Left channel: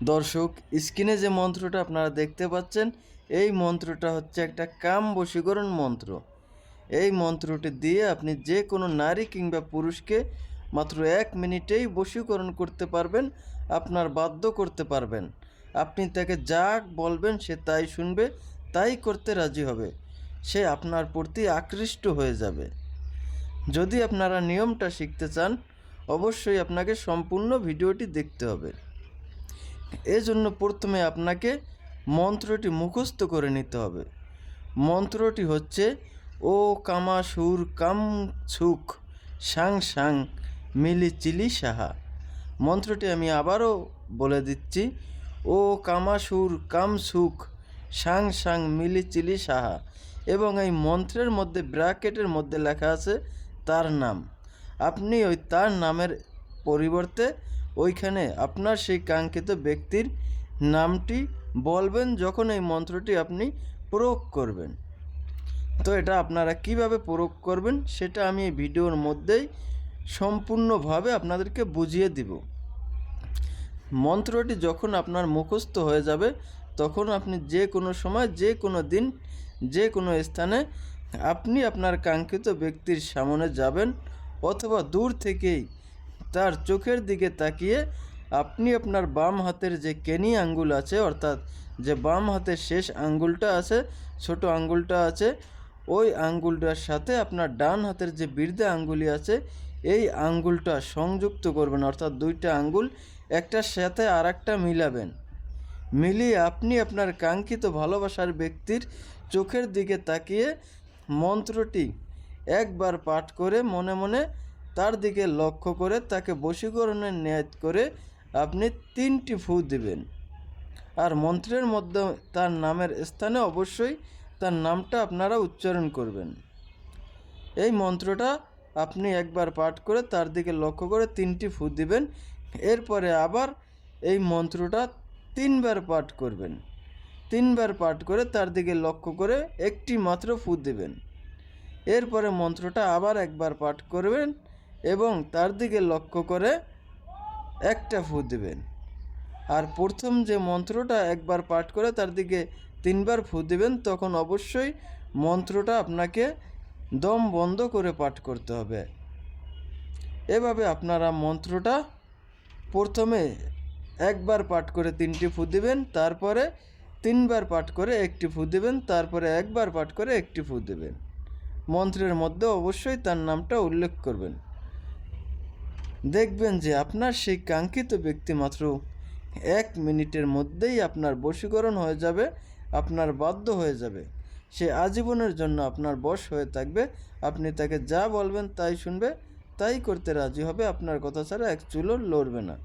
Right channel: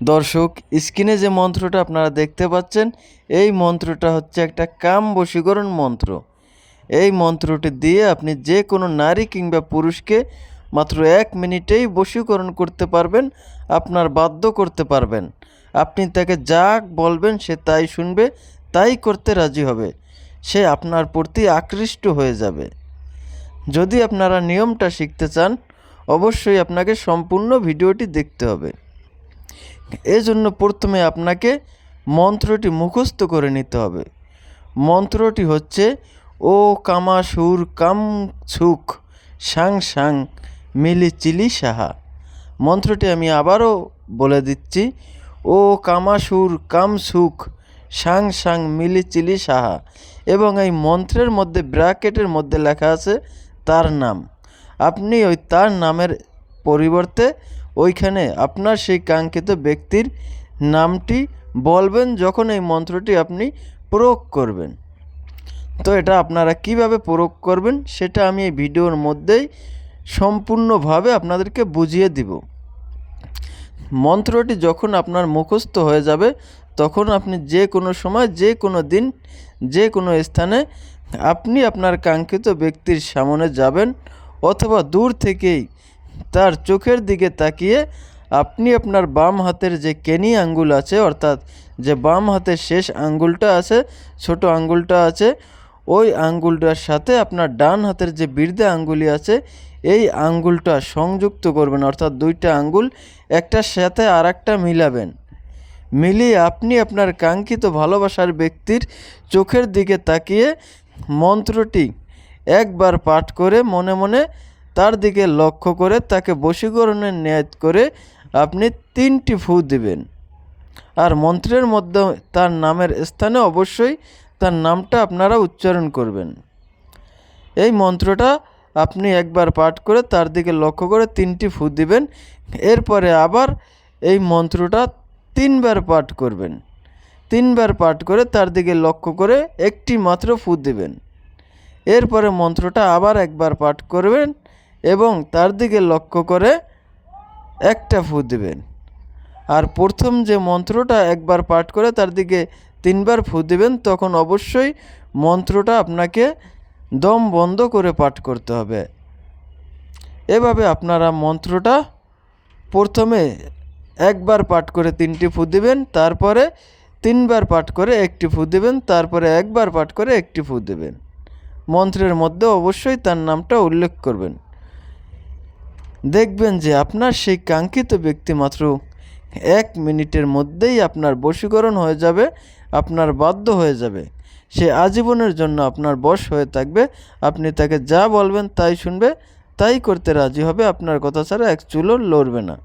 দর্শক, স্ক্রিনে যে মন্ত্রটা আপনারা দেখতে পাচ্ছেন, এই মন্ত্রটা হচ্ছে একটা কাম বশীকরণ মন্ত্র। এই মন্ত্রটি দিয়ে আপনি যে কোনো নারী কিংবা পুরুষকে মাত্র 1 মিনিটেই বশীকরণ করতে পারবেন, আপনার বাধ্য করতে পারবেন। আপনি তাকে যা বলবেন সে তাই শুনবে, তাই করতে রাজি হবে। সে আপনার প্রতি আকৃষ্ট হয়ে যাবে। যদি আপনারা নিয়মটা শিখতে চান, অবশ্যই আপনাকে সম্পূর্ণ ভিডিওটি দেখতে হবে। এজন্য প্রথমে আপনাকে মন্ত্রটি মুখস্থ করে নিতে হবে। মন্ত্রটি হচ্ছে ও কামাসুর কাম সুখ সাং সাং মিলি চিলি সাহা। মন্ত্রটি আমি আবারও বলে দিচ্ছি, ও কামাসুর কাম সুখ সাং সাং মিলি চিলি সাহা। এবং এই মন্ত্রের মধ্যে ব্র্যাকেটের মধ্যে লেখা আছে তার নাম। আপনি ওই তার নামের পরিবর্তে ওইখানে আপনার সেই কাঙ্ক্ষিত ব্যক্তির নামটি বলবেন যখন এই মন্ত্রটি আপনি প্রয়োগ করবেন। তো এটা আপনারা কিভাবে প্রয়োগ করবেন সেটা আমি এই ভিডিওর মধ্যেই সম্পূর্ণভাবে আপনাদেরকে বুঝিয়ে দিব। মন্ত্রটি যখন আপনার মুখস্থ হয়ে যাবে, তখন আপনি যে কোনো সময়, যে কোনো দিন, যে কোনো স্থানে আপনি আপনার কাঙ্ক্ষিত ব্যক্তির সামনে যাবেন, অথবা দূর থেকেই তার চোখের দিকে তাকিয়ে আপনি আপনার বাম হাতের যে কেনি আঙ্গুল আছে, অর্থাৎ যে বাম হাতের শেষ আঙ্গুলটা আছে, ছোট আঙ্গুলটা আছে, ওই আঙ্গুলটার সাথে আপনার ডান হাতের যে বৃদ্ধা আঙ্গুলি আছে, এই আঙ্গুলটা সংযুক্ত করবেন, অর্থাৎ দুইটা আঙ্গুল একটার সাথে আর একটা মিলাবেন। মিলিয়ে আপনি আপনার কাঙ্ক্ষিত ভালোবাসার ব্যক্তির চোখের দিকে তাকিয়ে মন্ত্রটি একবার পাঠ করে মনে মনে তার দিকে লক্ষ্য করে তাকে বশীকরণের নিয়ত করে আপনি 3টি ফু দিবেন। আর মন্ত্রের মধ্যে তার নামের স্থানে অবশ্যই তার নামটা আপনারা উচ্চারণ করবেন। এই মন্ত্রটা আপনি একবার পাঠ করে তার দিকে লক্ষ্য করে 3টি ফু দিবেন। এরপরে আবার এই মন্ত্রটা 3বার পাঠ করবেন। 3বার পাঠ করে তার দিকে লক্ষ্য করে একটি মাত্র ফু দিবেন। এরপরে মন্ত্রটা আবার একবার পাঠ করবেন এবং তার দিকে লক্ষ্য করে একটা ফু দিবেন। আর প্রথম যে মন্ত্রটা একবার পাঠ করে তার দিকে 3বার ফু দিবেন, তখন অবশ্যই মন্ত্রটা আপনাকে দম বন্ধ করে পাঠ করতে হবে। এভাবে আপনারা মন্ত্রটা প্রথমে একবার পাঠ করে 3টি ফু দিবেন, তারপরে 3বার পাঠ করে একটি ফু দিবেন, তারপরে একবার পাঠ করে একটি ফু দিবেন। মন্ত্রের মধ্যে অবশ্যই তার নামটা উল্লেখ করবেন। দেখবেন যে আপনার সেই কাঙ্ক্ষিত ব্যক্তি মাত্র 1 মিনিটের মধ্যেই আপনার বশীকরণ হয়ে যাবে, আপনার বাধ্য হয়ে যাবে। সে আজীবনের জন্য আপনার বশ হয়ে থাকবে। আপনি তাকে যা বলবেন তাই শুনবে, তাই করতে রাজি হবে, আপনার কথা ছাড়া এক চুলও লড়বে না।